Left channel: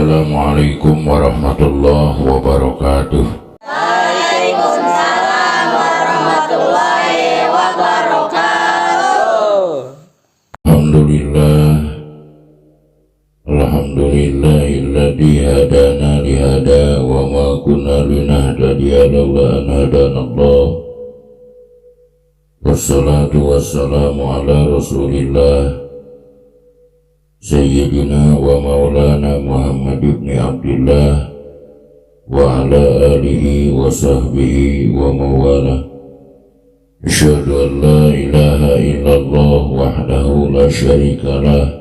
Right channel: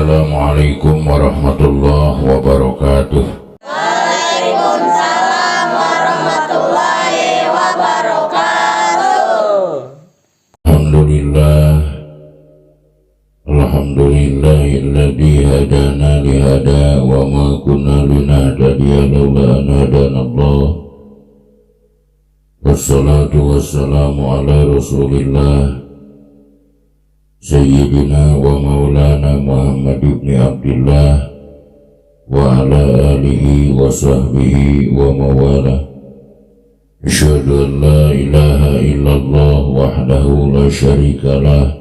Assalamualaikum warahmatullahi wabarakatuh. Waalaikumsalam warahmatullahi wabarakatuh. Alhamdulillahilladzi hadana lihada wa ma kunna linahtadiya laula an hadanallah. Wassalatu wassalamu ala Rasulillah Sayyidina wa maulana Muhammad ibn Abdillah wa ala alihi wa sahbihi wa mawala. Asyhadu an la ilaha illallah wahdahu la syarikalah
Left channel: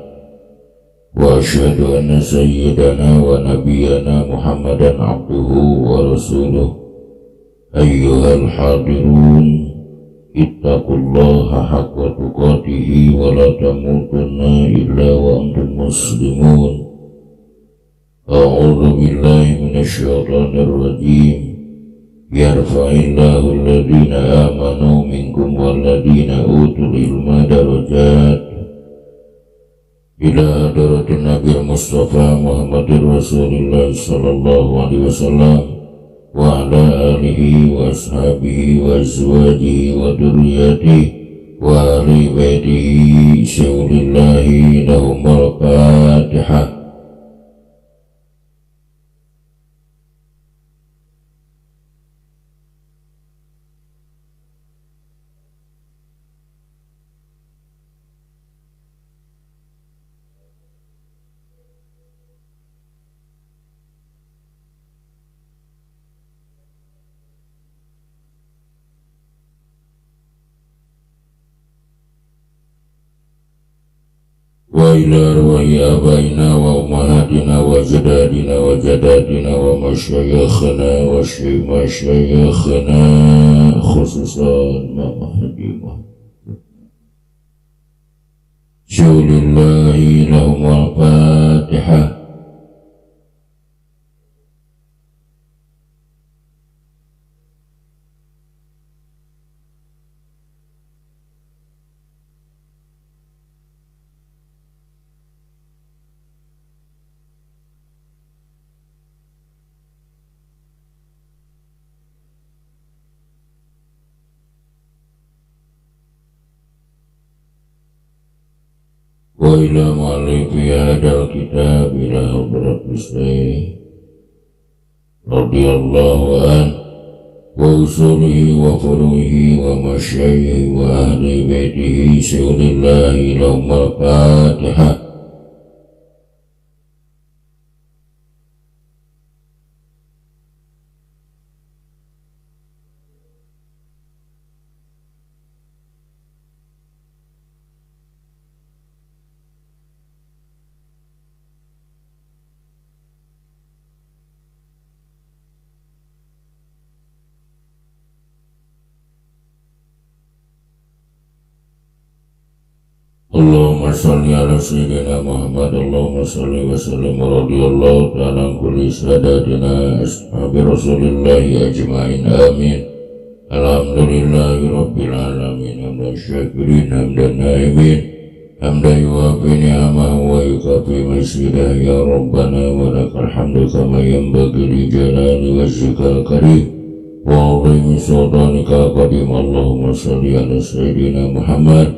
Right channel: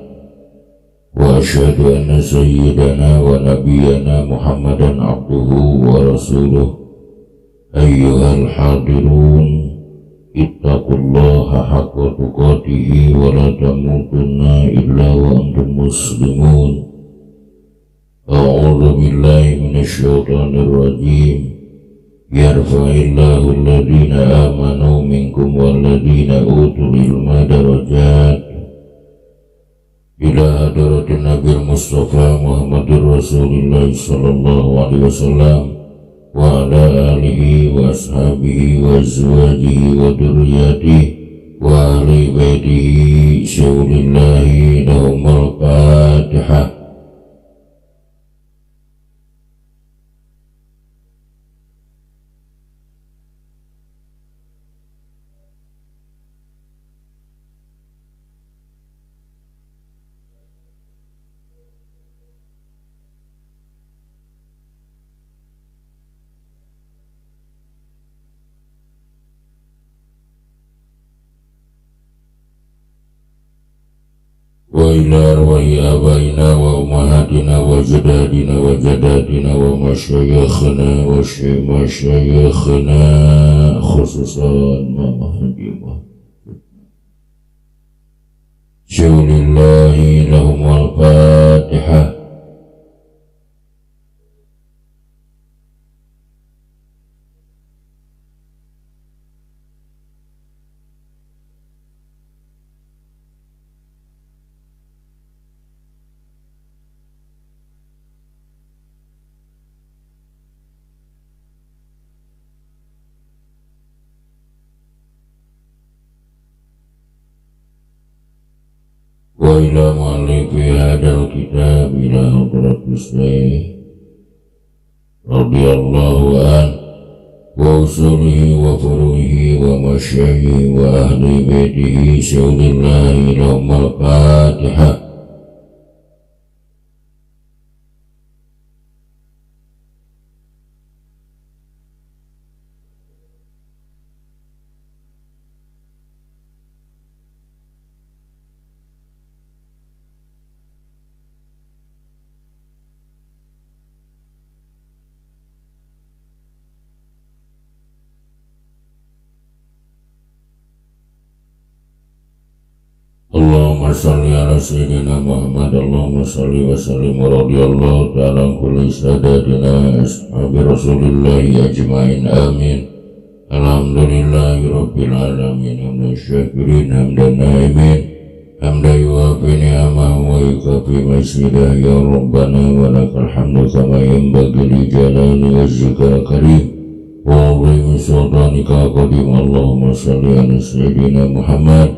wa asyhadu anna sayyidana wa nabiyyana Muhammadan abduhu wa rasuluh. Ayyuhal hadirun, ittaqullaha haqqa tuqatihi wa la tamutunna illa wa antum muslimun. A'udzu billahi minasy syaithanir rajim. Yarfa'illahu alladhina amanu minkum walladhina utul ilma darajat. Ila hadratin Nabi Mustafa Muhammadur Rasulullah sallallahu alaihi wasallam wa ala alihi wa ashabihi wa azwajihi wa dzurriyyatihi wa ahli baitihi syaulillahi lahumul Fatihah. Wa ila arwahi abaina wa ummahatina wa jadadina wa jadatina wa masyayikhina wa masyayikhina khususan mamahjimah syaulillahi lahumul Fatihah. Wa ila mu'allifi hadal kitab ila hadratis Syekh radhiyallahu an wa usulihi wa furuhi wa masyayikhi wa ahli baitihi syaulillahi lahumul Fatihah. Allahumma salli ala sayyidina Muhammad. Allahumma salli wa sallim wa radiyallahu ta'ala an kulli sadatina ashabi rasulillahi ajma'in, amin. Alhamdulillahi rabbil alamin, hamdan syakirin hamdan naimin, hamdan yuwafi ni'amahu wa yukafi masidah. Ya Rabbana wa lakal hamdu kama yanbaghi li jalali wajhika karim wa 'azimi sultanika qadim. Allahumma salli ala sayyidina Muhammad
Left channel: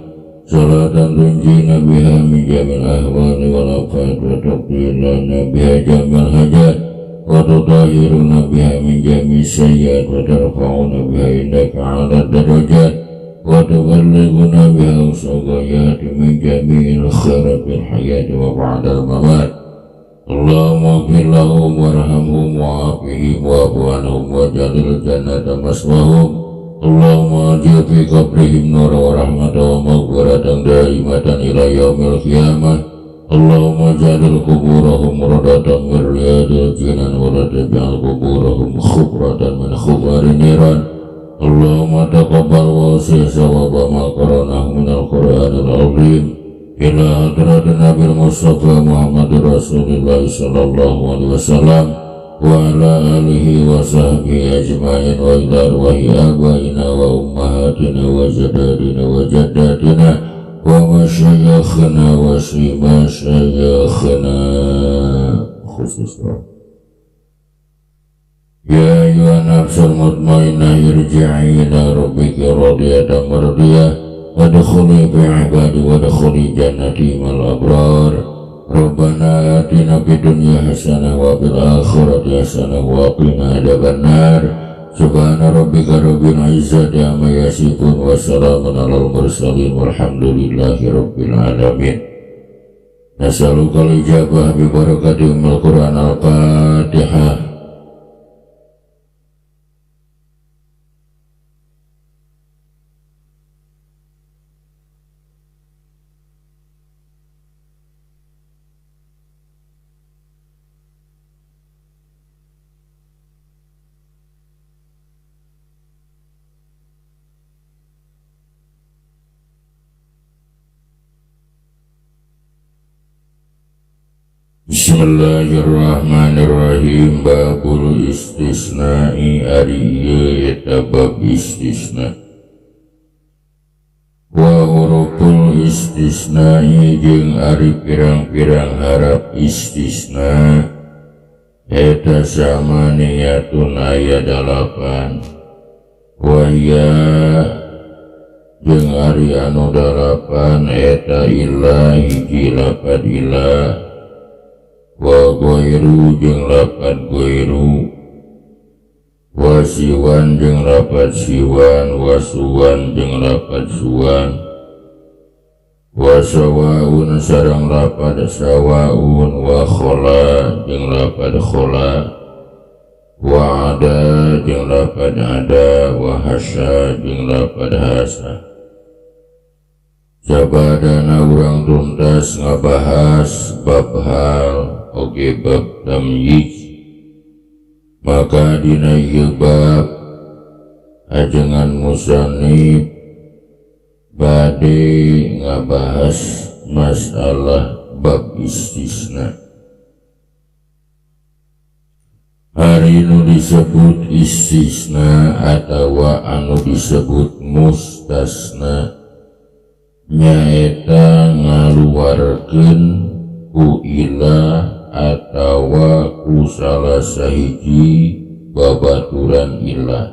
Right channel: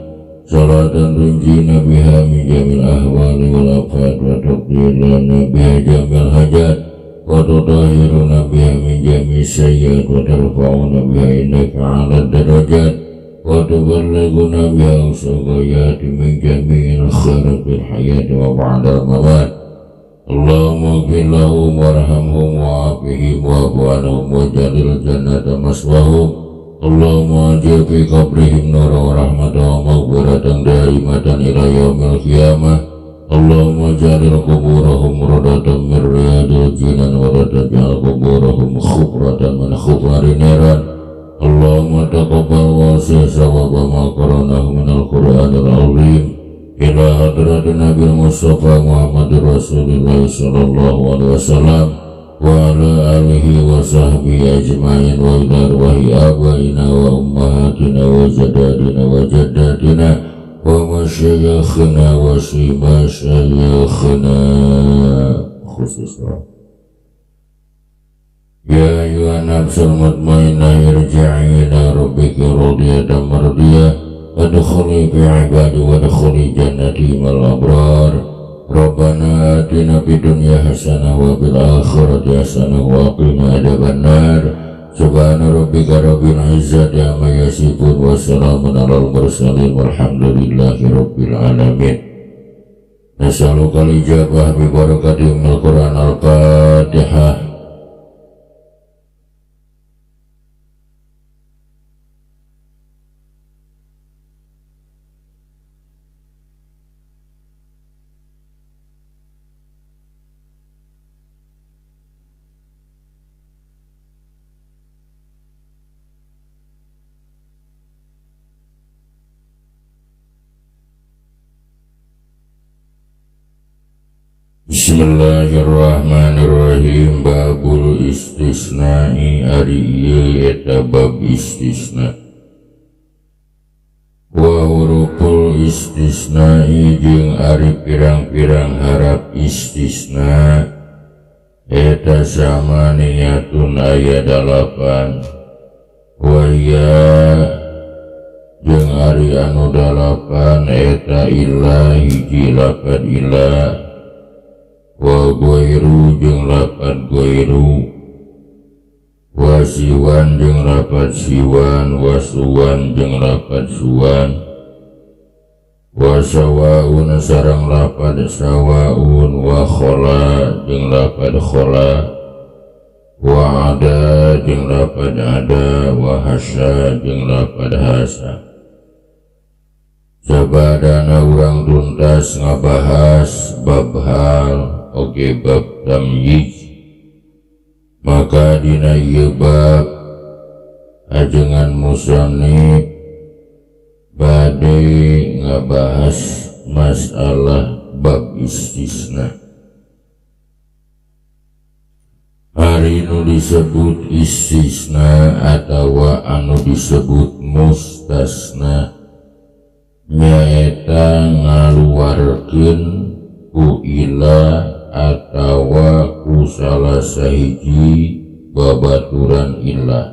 salatan tunjina biha min jamil ahwali wal afat wa tuqdilana biha jamil hajat wa tutahhiruna biha min jamil sayyat wa tarfa'una biha indaka ala darajat wa tuballighuna biha usagayat min jamil khairat fil hayati wa ba'dal mamat. Allahumma ighfir lahum warhamhum wa'afihim wa'fu anhum wa jalil jannata maswahum. Allahumma ajil fi qabrihim nura wa rahmatan wa maghfiratan daimatan ila yaumil qiyamah. Allahumma jalil kuburahum radatan min riyadil jinan wa la taj'al kuburahum khubratan min khubari niran. Allahumma taqabbal wa wasi' sawaba ma qaranahu min al-Qur'anil azim ila hadratin Nabi Mustafa Muhammadur Rasulullah sallallahu alaihi wasallam wa ala alihi wa sahbihi ajma'in wa ila arwahi abaina wa ummahatina wa jadadina wa jaddatina wa masyayikhina wa si masyayikhina khususnya. Ya ayuhan nafsul mutmainnah irji'i ila rabbiki radiyatan mardiyah wadkhuli fi ibadi wadkhuli jannati mal abrar. Rabbana atina fid dunya hasanah wa fil akhirati hasanah wa qina adzabannar. Subhana rabbika rabbil izzati amma yasifun wa salamun alal mursalin walhamdulillahi rabbil alamin. Nas'alukal ijabah bi barakatil Qur'an al-Fatihah. Bismillahirrahmanirrahim. Babul istisna'i ari ieu eta bab istisna. Wa huruful istisna'i jeung ari pirang-pirang harap istisna eta samaniyatun aya 8. Wa ya jeung ari anu 8 eta illa hiji lapad illa wa goiru jeung lapad goiru wa siwan jeung lapad siwan wa suwan jeung lapad suwan wa sawaun sareng lapad sawaun wa khola jeung lapad khola wa ada jeung lapad ada wa hasa jeung lapad hasa. Sabadana urang tuntas ngabahas bab hal oge bab tamyiz, maka dina ieu bab ajengan musannif bade ngabahas masalah bab istisna. Hari nu disebut istisna atawa anu disebut mustasna nyaeta ngaluarkeun ku ilah atawa ku salah sahiji babaturan ilah.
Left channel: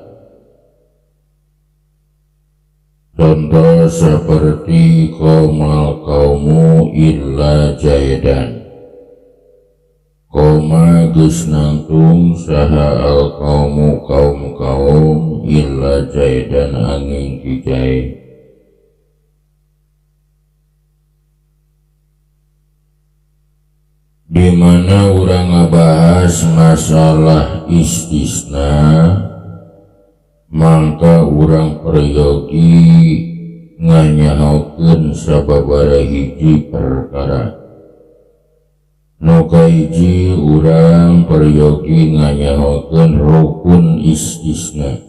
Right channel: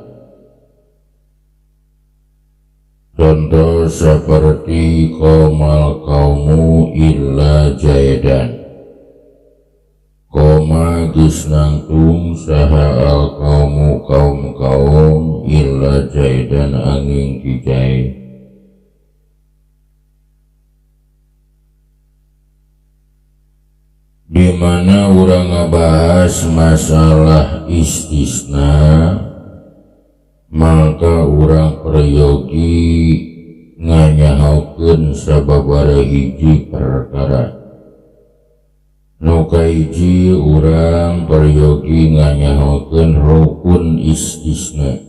Contoh seperti qomal qaumu illa jaidan. Qoma geus nangtung saha al qaumu kaum illa jaidan angin kijai. Di mana urang ngabahas masalah istisna, maka urang peryogi nganyahokeun sababaraha hiji perkara. Nu kahiji urang peryogi nganyahokeun rukun istisna.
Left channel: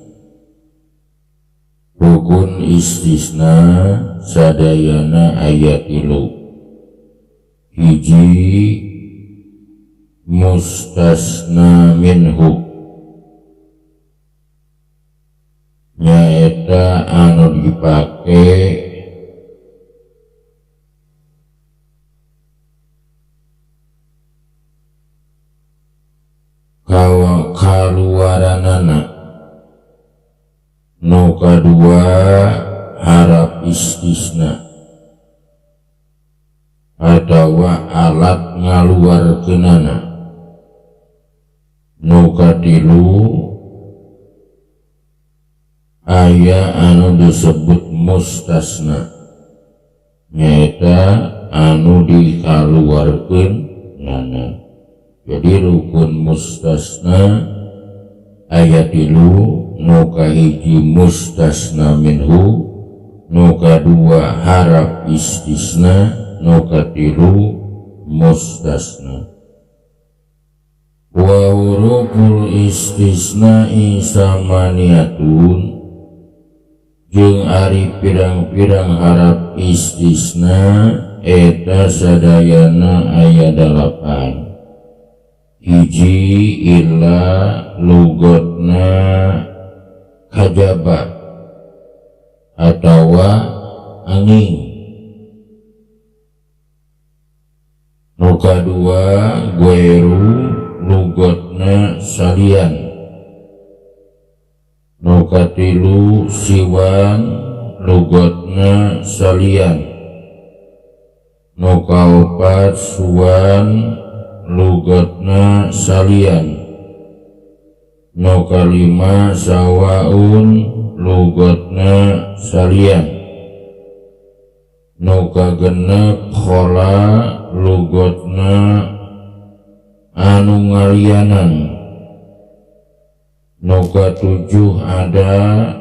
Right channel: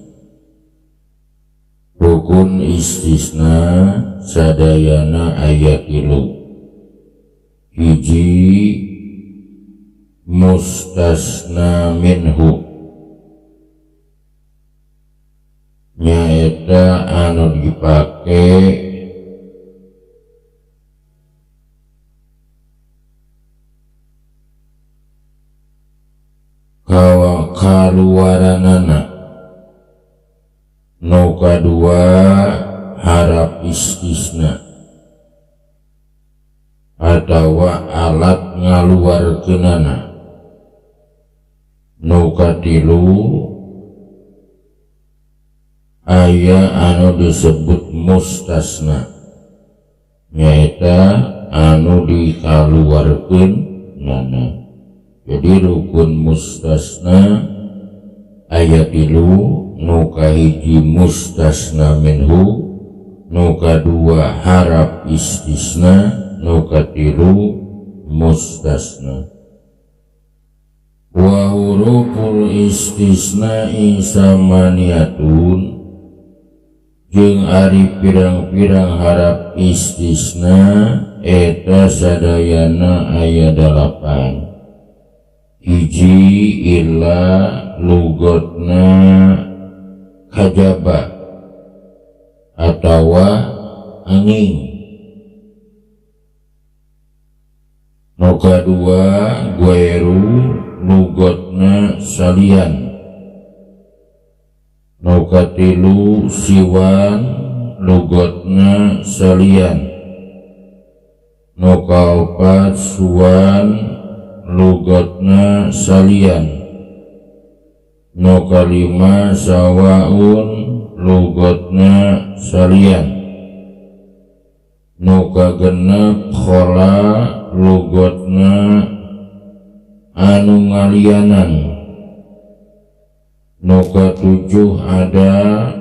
Rukun istisna sadayana aya 3. Hiji mustasna minhu nyaeta anu dipake kaluaranana. Nu kadua harap istisna atawa alat ngaluarkeunana. Nu katilu aya anu disebut mustasna nyaeta anu dikaluarkeun nana. Jadi rukun mustasna aya 3. Nu kahiji mustasna minhu, nu kadua harap istisna, nu katilu mustasna. Wa huruful istisna'i samaniyatun jeung ari pirang-pirang harap istisna eta sadayana aya 8. Hiji illa lugotna kajaba atawa angin. Nu kadua gueru lugotna salian. Nu katilu siwan lugotna salian. Nu kaopat suwan lugotna salian. Nu kalima sawaun lugotna salian. Nu kagenep khola lugotna anu ngalianan. Nu katujuh ada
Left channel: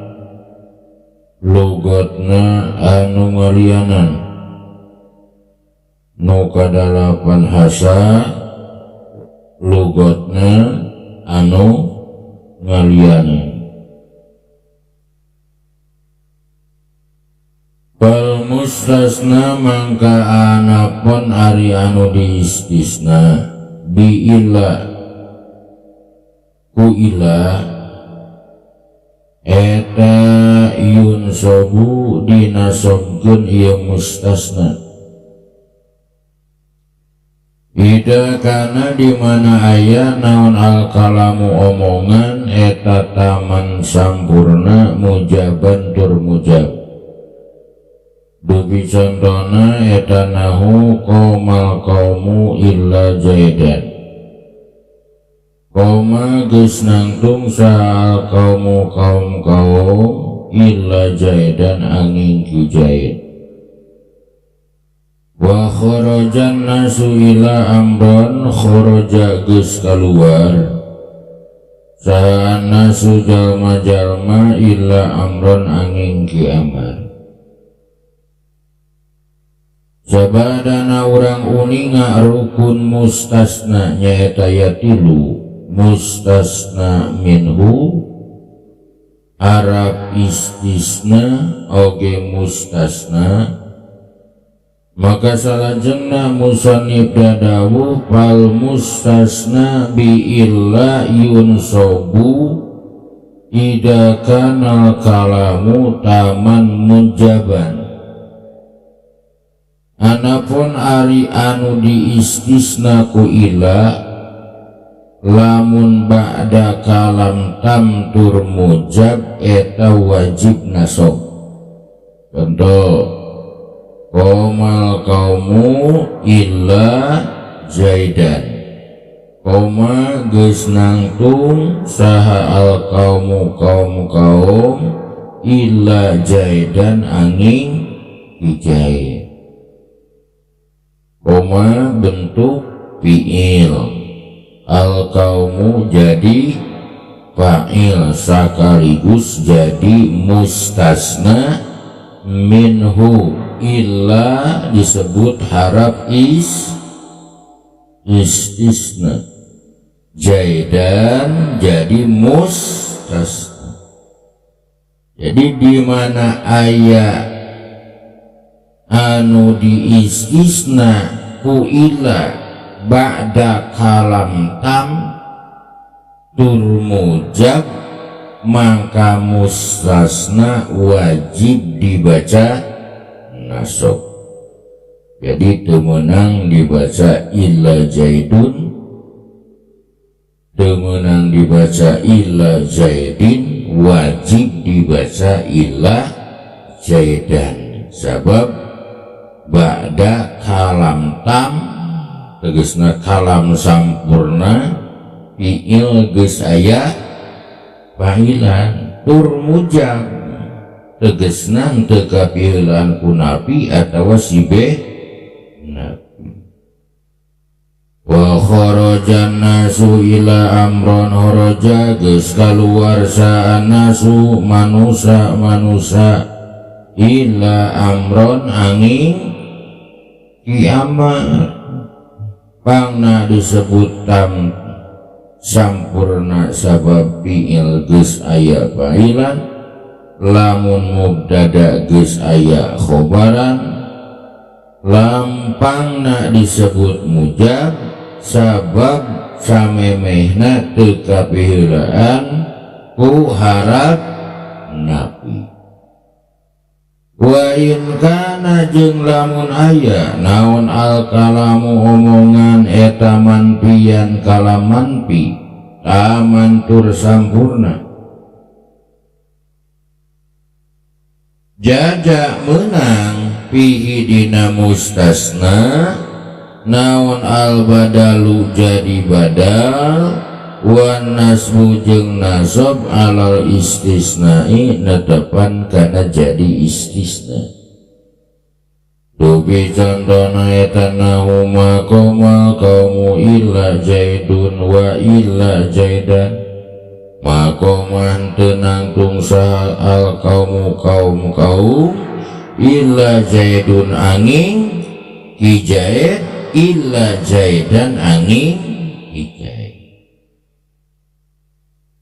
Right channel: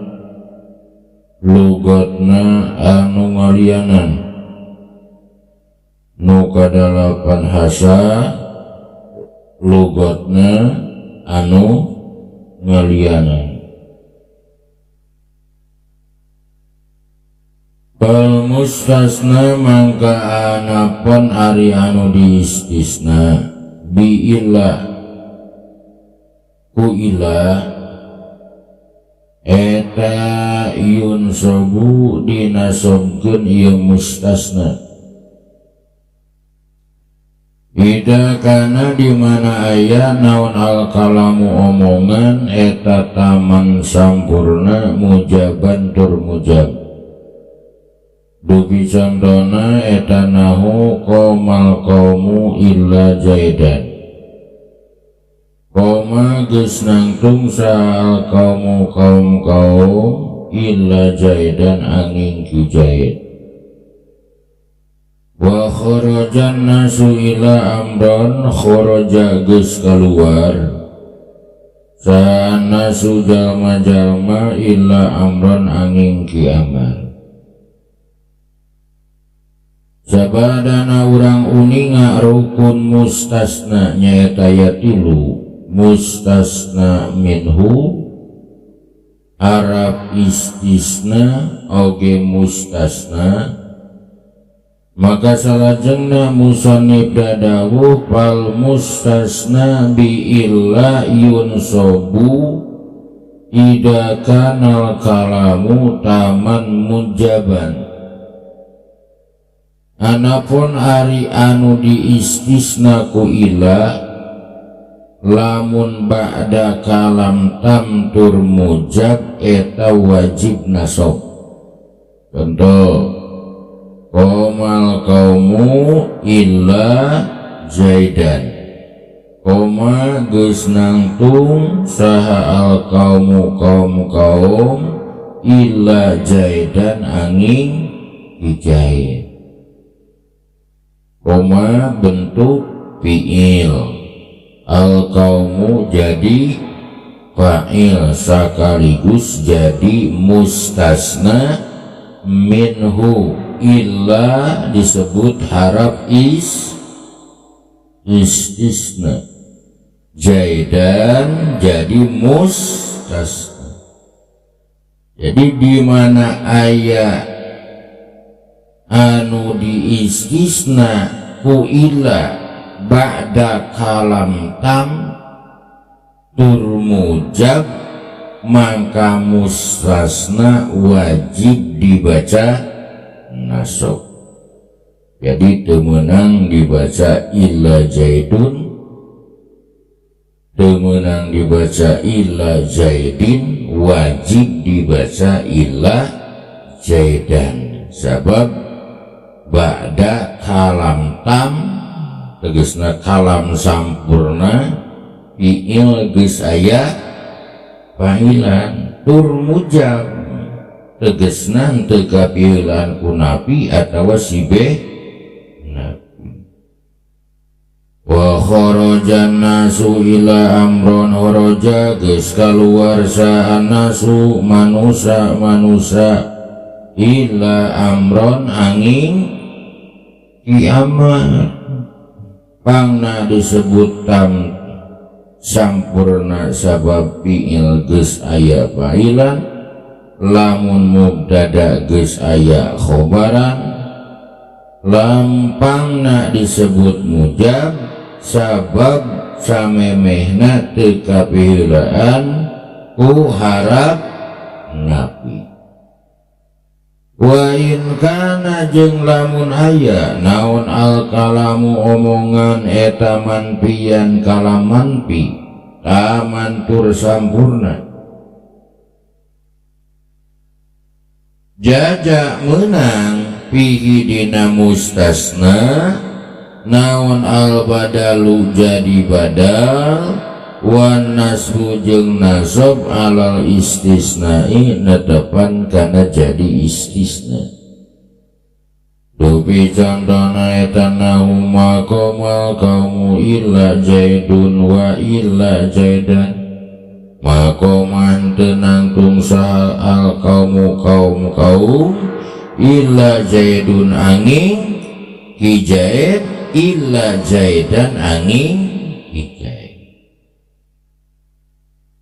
lugotna anu ngalianan. Nu kadalapan hasa lugotna anu ngalianan. Fal mustasna mangka anapun ari anu diistisna bi illa ku illa eta yunsobu dinasobkeun ieu mustasna ida kana di mana aya naon al kalamu omongan eta taman sampurna mujaban tur mujab. Dupi contohna eta nahu qomal qaumu illa jaidan. Qoma geus nangtung saha qaumu kaum illa jaidan angin ki jaid. Wa kharajan nasu ila amron kharaja geus kaluar saha nasu jalma-jalma illa amron angin ki amar. Sabadana urang uninga rukun mustasna nyaeta yatilu mustasna minhu Arab istisna oge mustasna maka salajengna musannif dadawuh fal mustasna bi illa yunsobu ida kanal kalamu taman munjaban. Anapun ari anu diistisna ku ila lamun ba'da kalam tam tur mujab eta wajib nasab. Contoh qomal qaumu illa jaidan. Qoma geus nangtung saha al qaumu kaum illa jaidan angin dijaid. Koma bentuk fi'il, al qaumu jadi fa'il sekaligus jadi mustasna minhu illa disebut harap istisna. Jaidan jadi mustasna. Jadi di mana ayat anu diistisna ku ila ba'da kalam tam tur mujab maka mustasna wajib dibaca nasab. Jadi temenang dibaca illa jaidun, temenang dibaca illa jaidin, wajib dibaca illa jaidan. Sabab ba'da kalam tam tegesna kalam sampurna fi'il geus aya fa'ilan tur mujab tegesna henteu kapieulan ku nabi atawa si nabi. Wa kharajan nasu ila amron kharaja geus kaluar sa nasu manusa ila amron angin kiamat pangna disebut tam sampurna sabab fi'il geus aya fa'ilan lamun mubtada geus aya khobaran lampangna disebut mujab sabab samemehna teu kapiheulaan ku harap napi. Wa in kana jeung lamun aya naon al kalamu omongan eta manpian kalam manpi taman tur sampurna jaja menang pihi dina mustasna naon al badalu jadi badal wan nasbu jeung nasab alal istisnai netepan kana jadi istisna dupi contohna eta nahu maqama kaumu illa jaidun wa illa jaidan maqaman tenang tungsa al kaumu kaum illa jaidun angin hijaid illa jaidan angin hijaid.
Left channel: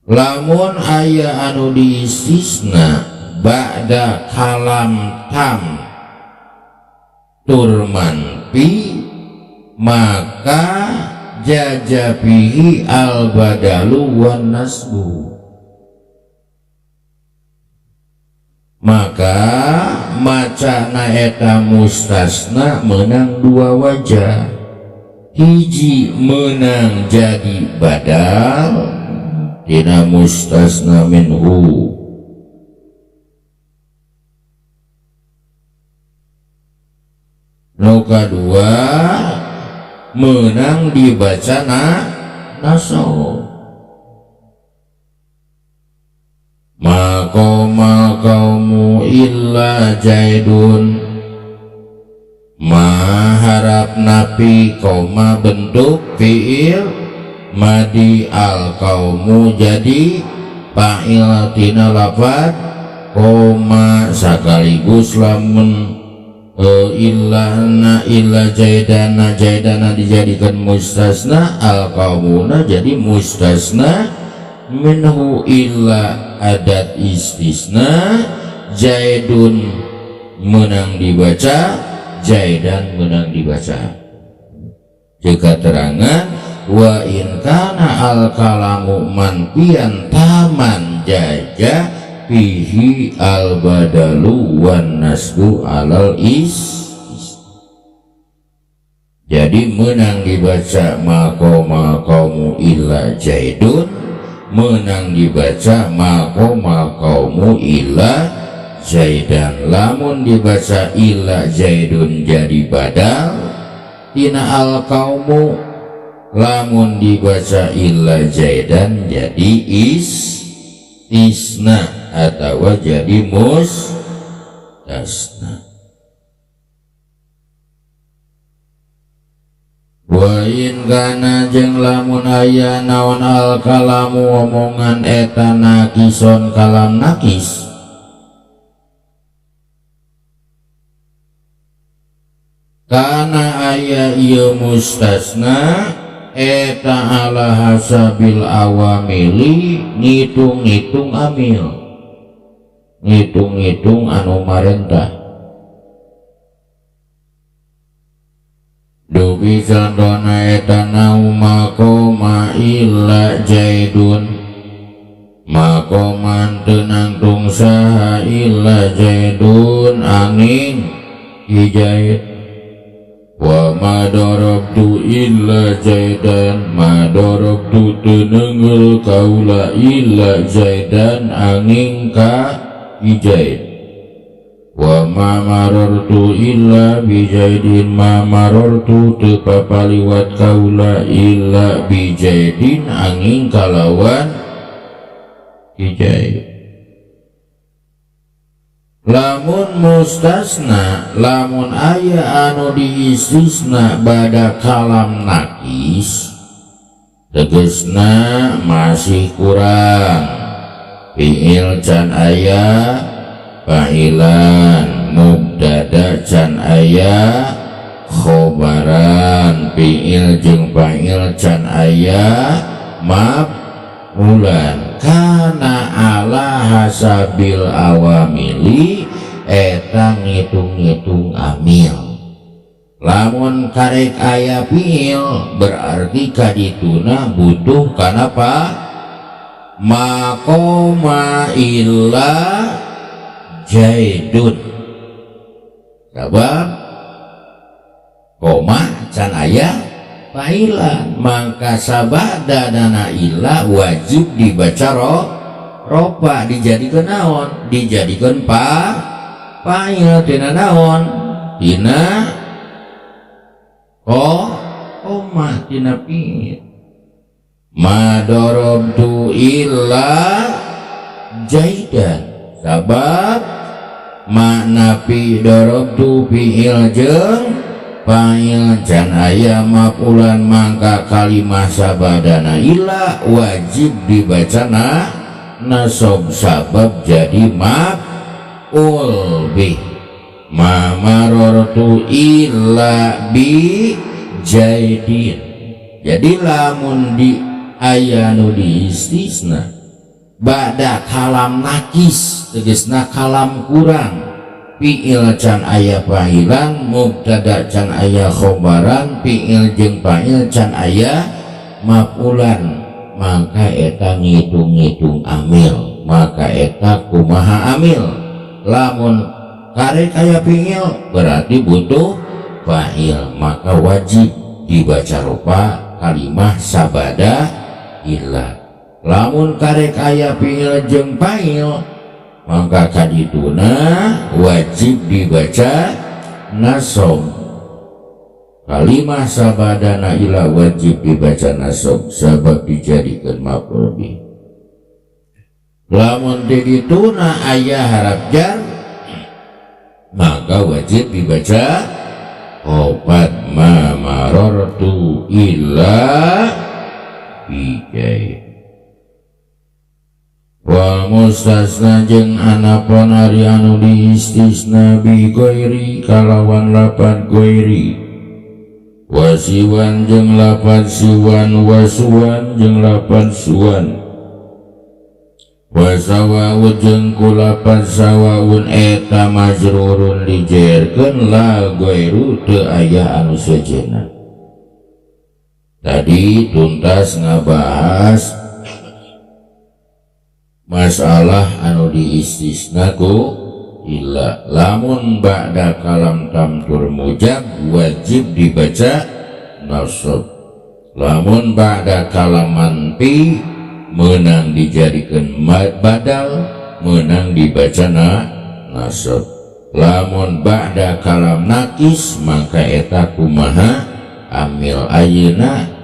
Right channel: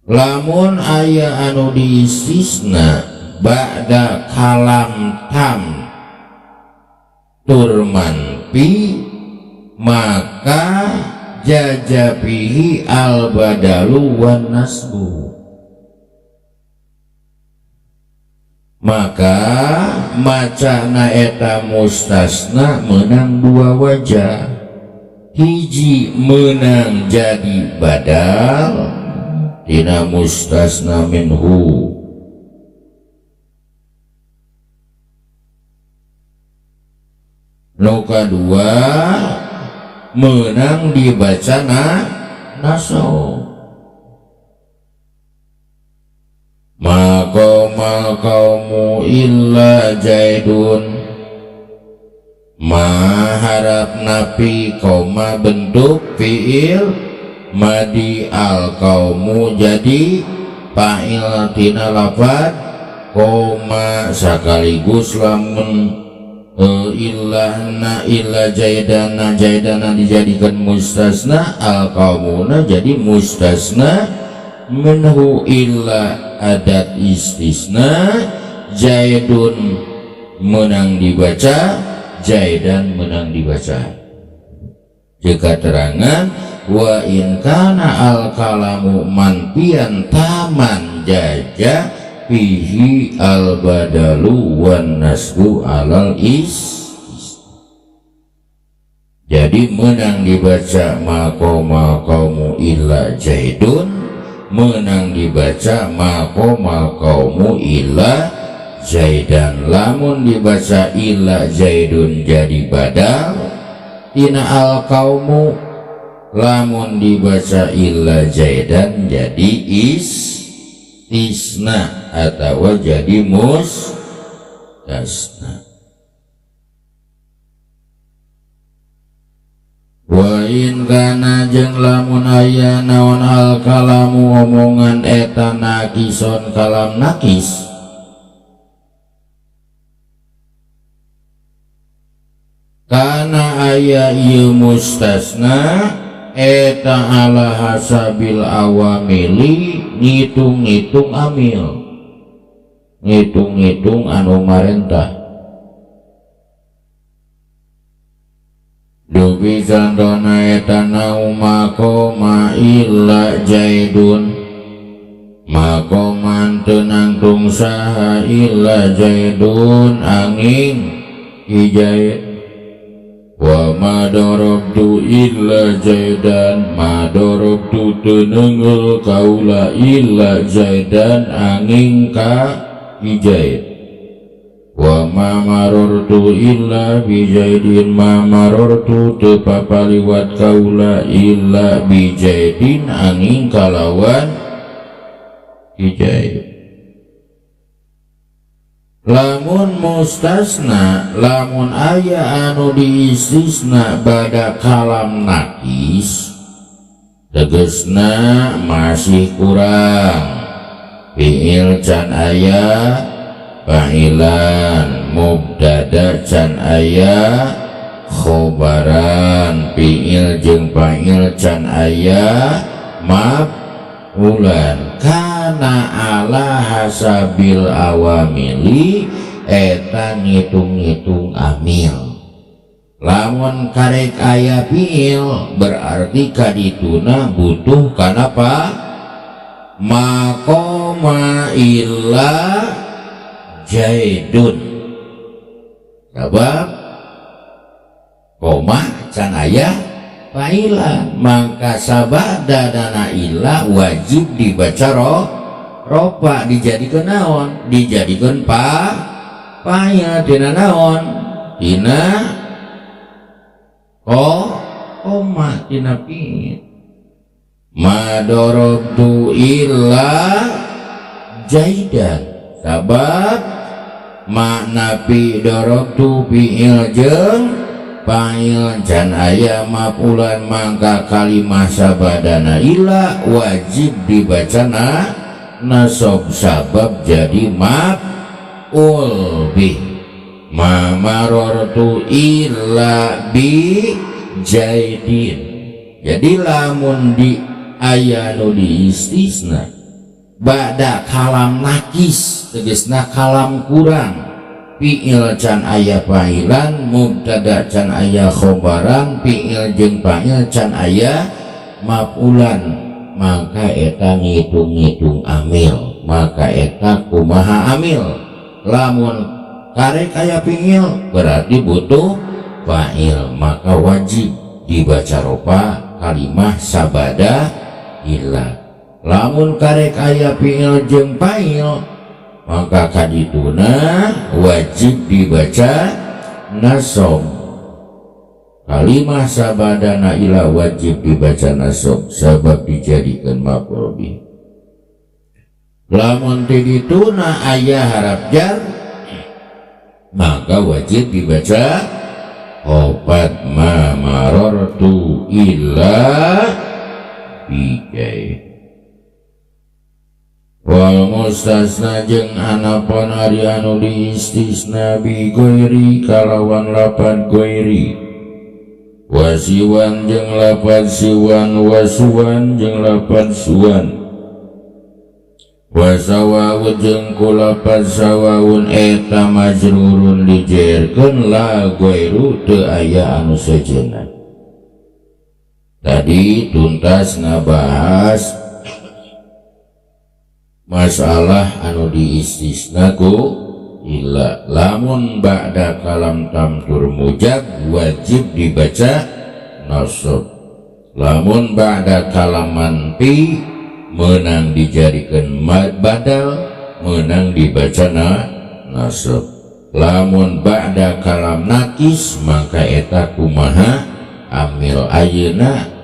Lamun aya anu diistisna ba'da kalam tam tur manfi maka jajapihi al badalu wan nasbu maka macana eta mustasna menang dua wajah hiji menang jadi badal dina mustasna minhu nu kadua menang dibaca nasab maqamal qaumu illa jaidun maharap napi koma bentuk fiil madi al kaumu jadi fa'il tina lafad koma sekaligus lamun illa jaidana dijadikan mustasna al kaumuna jadi mustasna minhu illa adat istisna jaidun menang dibaca jaidan menang dibaca jika terangan wa in kana al kalamu manfian taman jaja fihi al badalu wan nasbu alal jadi menang dibaca maqama qaumu illa jaidun menang dibaca maqama qaumu illa jaidan lamun dibaca illa jaidun jadi badal tina al qaumu lamun dibaca illa jaidan jadi istisna atau jadi mustasna wa in kana jeung lamun aya naon al kalamu omongan eta nakison kalam nakis kana aya ieu mustasna eta ala hasabil awamili ngitung-ngitung amil ngitung-ngitung anu marentah dubi contohna eta nau maqama illa jaidun maqaman tenang tungsaha illa jaidun angin hijaid wa ma darabtu illa jaidan ma darabtu tenengel kaula illa jaidan angin ka hijaid wa ma marartu illa bijaidin ma marartu teu papaliwat kaula illa bijaidin angin kalawan hijaid lamun mustasna lamun aya anu diistisna bada kalam nakis tegesna masih kurang fi'il can aya fa'ilan mubtada can aya khobaran fi'il jeung fa'il can aya maf'ulan kana ala hasabil awamili eta ngitung-ngitung amil lamun karek aya fiil berarti kadituna butuh kanapa maqama illa jaidun sabab koma can aya failan, maka sabadana ila wajib dibaca ropa, dijadikan naon, dijadikan fa'il tina naon, tina koma tina fi'il. Ma darabtu illa jaidan, sabab makna fi darabtu fi'il jeung fa'il can aya maf'ulan, mangka kalimah sabadana illa wajib dibacana nasab sabab jadi maf'ul bih. Ma marartu illa bi jaidin, jadi lamun di ayanu di istisna ba'da kalam nakis tegesna kalam kurang, fi'il can aya fa'ilan, mubtada can aya khobaran, fi'il jeung fa'il can aya maf'ulan, maka eta ngitung-ngitung amil, maka eta kumaha amil. Lamun karek aya fi'il berarti butuh fa'il, maka wajib dibaca ropa kalimah sabada illa. Lamun karek aya fi'il jeung fa'il, maka kadituna wajib dibaca nasab. Kalimah sabadana ila wajib dibaca nasab sabab dijadikan maf'ul bih. Lamun tidituna aya harap jar, maka wajib dibaca opat ma marartu illa bijai. Wal mustasna jeung anapun ari anu diistisna bi goiri kalawan lapad goiri, wasiwan jeung lapad siwan, wasuwan jeung lapad suwan, wasawawun jeung kulapad sawaun eta majrurun dijerkeun la goiru teu aya anu sejenna. Tadi tuntas ngabahas masalah anu diistisna ku illa. Lamun ba'da kalam tamtur mujab wajib dibaca nasab. Lamun ba'da kalam manfi menang dijadikan badal, menang dibaca nasab. Lamun ba'da kalam nakis maka eta kumaha amil. Ayeuna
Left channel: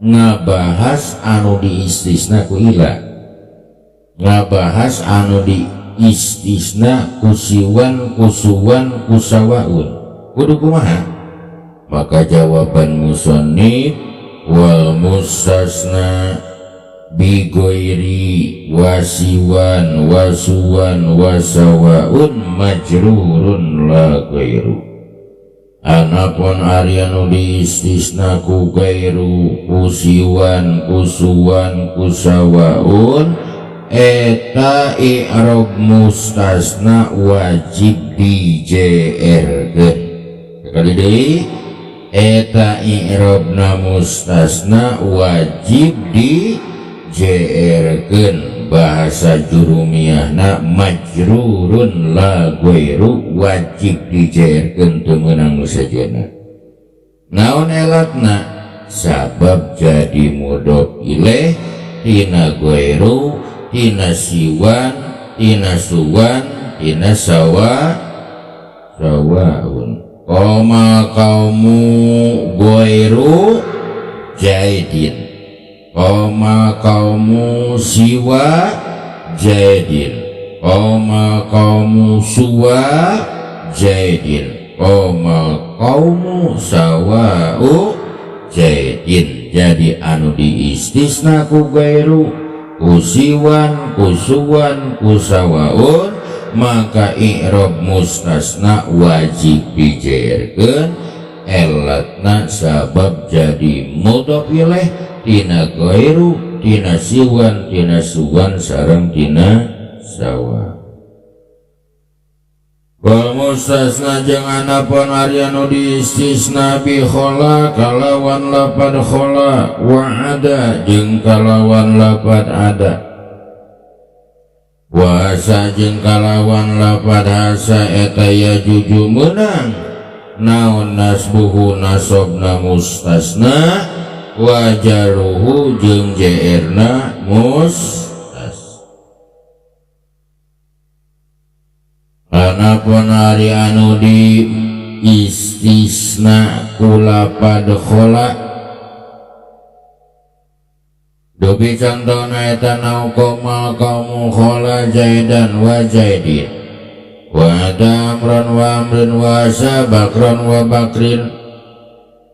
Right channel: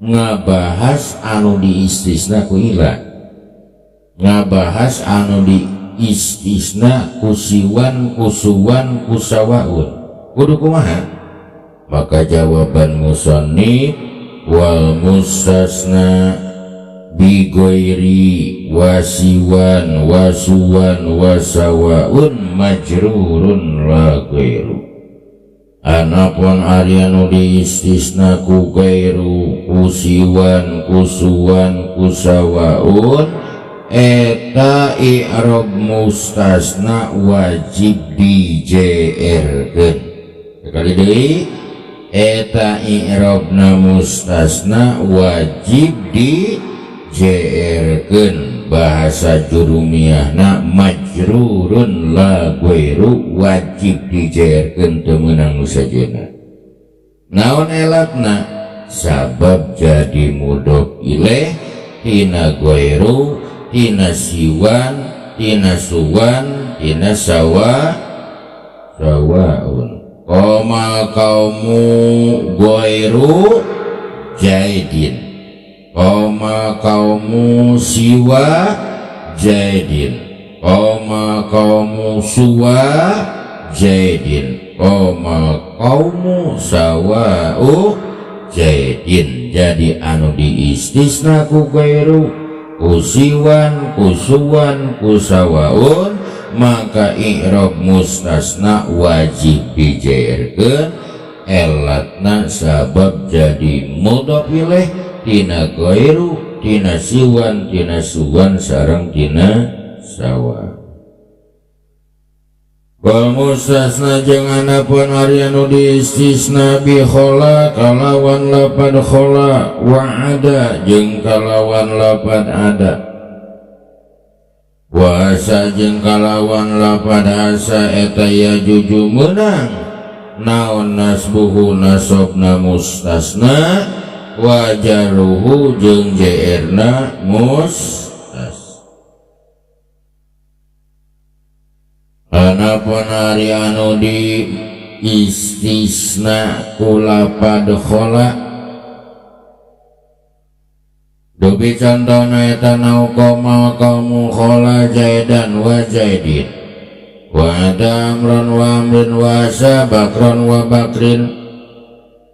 ngabahas anu diistisna ku ila, ngabahas anu diistisna kusiwan, kusuwan, kusawaun, kudu kumaha? Maka jawaban musannif wal mustasna bi ghairi wasiwan, wasuwan, wasawaun majrurun la ghairu. Anapun ari anu diistisna ku gairu, kusiwan, kusuwan, kusawaun, eta i'rab mustasna wajib dijerkeun. Sekali deui, eta i'rabna mustasna wajib dijerkeun. Bahasa jurumiyahna majrurun la ghairu, wajib dijerkeun teu meunang nu sejenna. Naon elatna? Sabab jadi mudhof ilaih tina ghairu, tina siwan, tina suwan, tina sawaun. Qoma qaumu ghairu jaidin, qoma qaumu siwa jaidin, qoma qaumu suwa jaidin, qoma qaumu sawa'u jaidin. Jadi anu diistisna ku ghairu, kusiwan, kusuwan, kusawaun, maka i'rab mustasna wajib dijerkeun. Elatna sabab jadi mudhof ilaih tina ghairu, tina siwan, tina suwan, sareng tina sawa. Wal mustasna jeung anapun ari anu diistisna bi khola kalawan lapad khola, wa ada jeung kalawan lapad ada. wa asa jeung kalawan lapad asa eta yajuju menang naon nasbuhu nasobna mustasna wa jaruhu jeung jairna mustas. Anapun ari anu di istisna kulapad khola dupi contohna eta nauqoma kamu khola jaidan wa jaidin wa ada amran wa amrin wa asa bakran wa bakrin.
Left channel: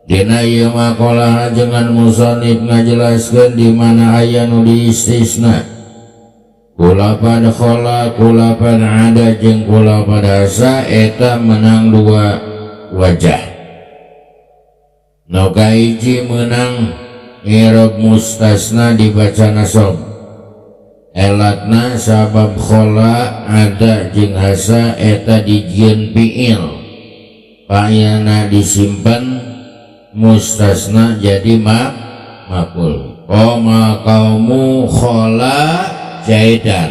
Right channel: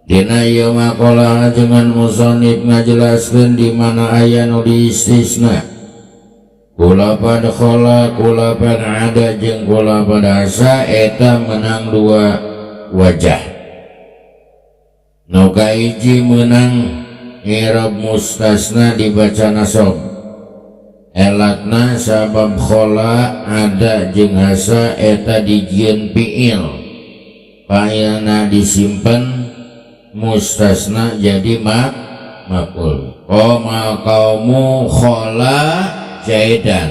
Dina ieu maqalah jangan musannif ngajelaskeun di mana aya nu di istisna kulapad khola kulapad ada jeung kulapad asa eta menang dua wajah. Nu kahiji menang i'rab mustasna dibaca nasab elatna sabab khola ada jeung asa eta dijieun fiil fa'ilna disimpen mustasna jadi maf'ul. Qoma qaumu khola jaidan,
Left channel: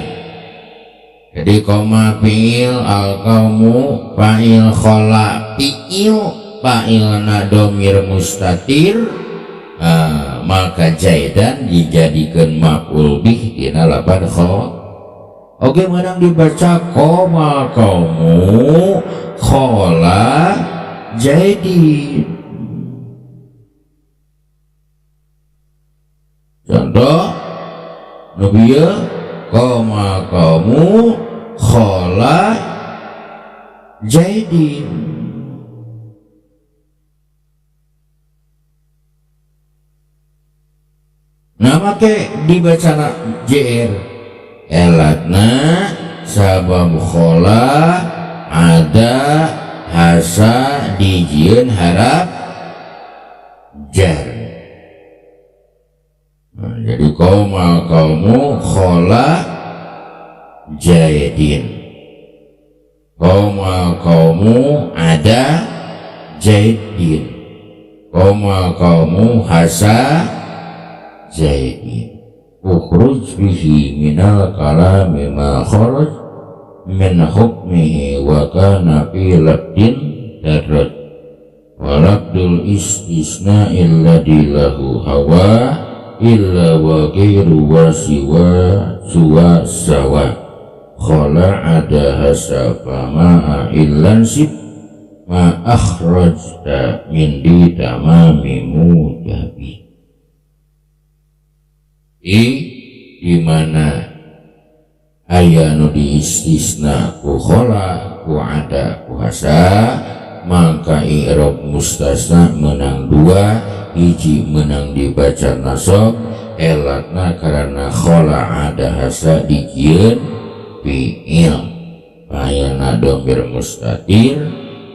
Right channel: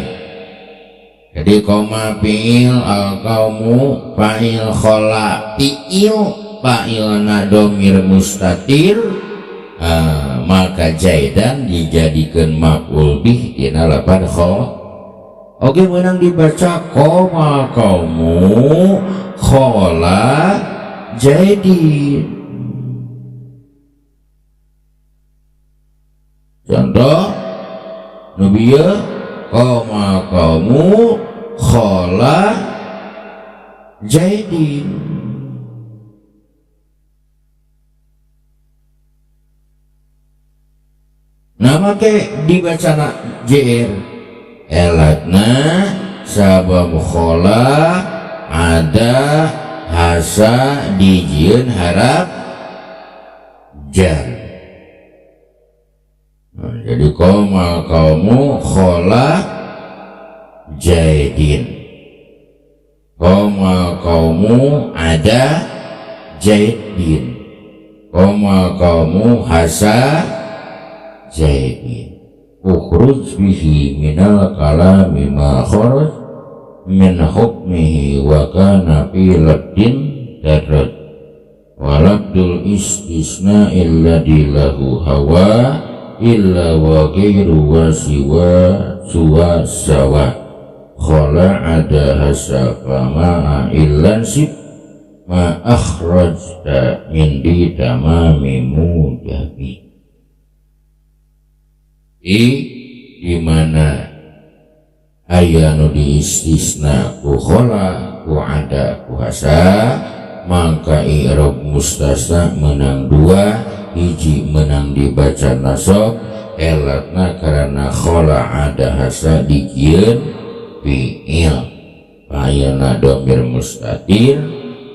jadi koma fiil al qaumu fa'il khola fiil fa'ilna domir mustatir, maka jaidan dijadikan maf'ul bih dina lapad kho. Oke, menang dibaca koma qaumu khola jaidin. Contoh nubiya koma qaumu khola jaidin. Nama ke dibaca JR elatna sabab khola ada hasa dijieun harap jar. Jadi koma qaumu khola jaidin, koma qaumu ada jaidin, koma qaumu hasa jaidin. Ukhruj bihi minal kalami ma kharaj min hukmihi wa kana fi labdin darraj wa labdul istisna illa dilahu hawa illa wa ghairu wa siwa suwa sawa khola ada hasafa ma'a illan sib ma akhrajta min di tamami mudabi. Di mana aya nu di istisna ku khola ku ada ku hasa maka i'rab mustasna menang dua, hiji menang dibaca nasab elatna karena khola ada hasa dijieun fiil fa'ilna dhamir mustatir,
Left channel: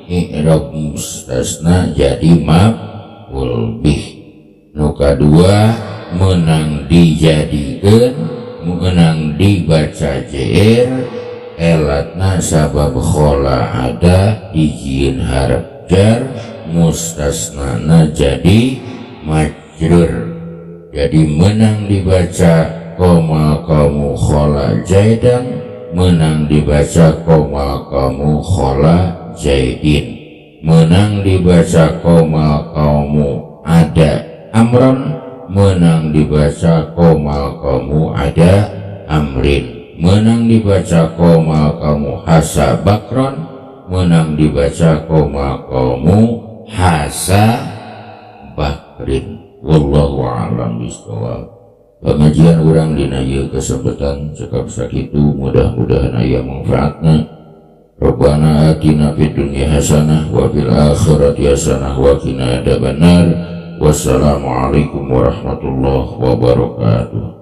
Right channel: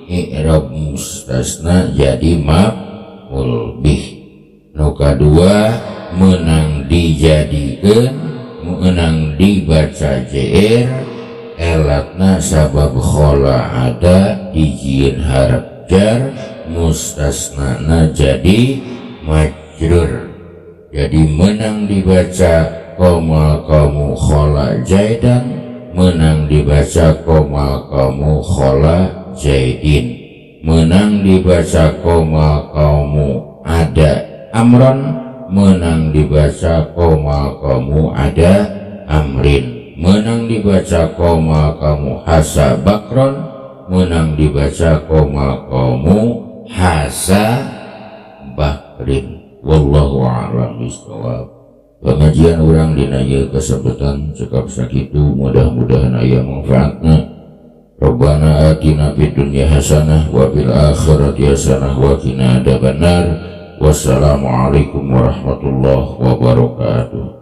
i'rab mustasna jadi maf'ul bih. Nu kadua menang dijadikeun menang dibaca JR elatna sabab khola ada dijieun harf jar mustasnana jadi majrur. Jadi menang dibaca koma qaumu khola jaidan, menang dibaca koma qaumu khola jaidin, menang dibaca koma qaumu ada amran, menang dibaca koma qaumu ada amrin, menang dibaca koma qaumu hasa bakron, menang dibaca koma qaumu hasa bakrin. Wallahu a'lam bishawab. Pengajian urang dina ieu kesempatan cekap sakitu, mudah-mudahan aya manfaatna. Rabbana atina fid dunya hasanah wa fil akhirati hasanah wa qina adzabannar. Wassalamualaikum warahmatullahi wabarakatuh.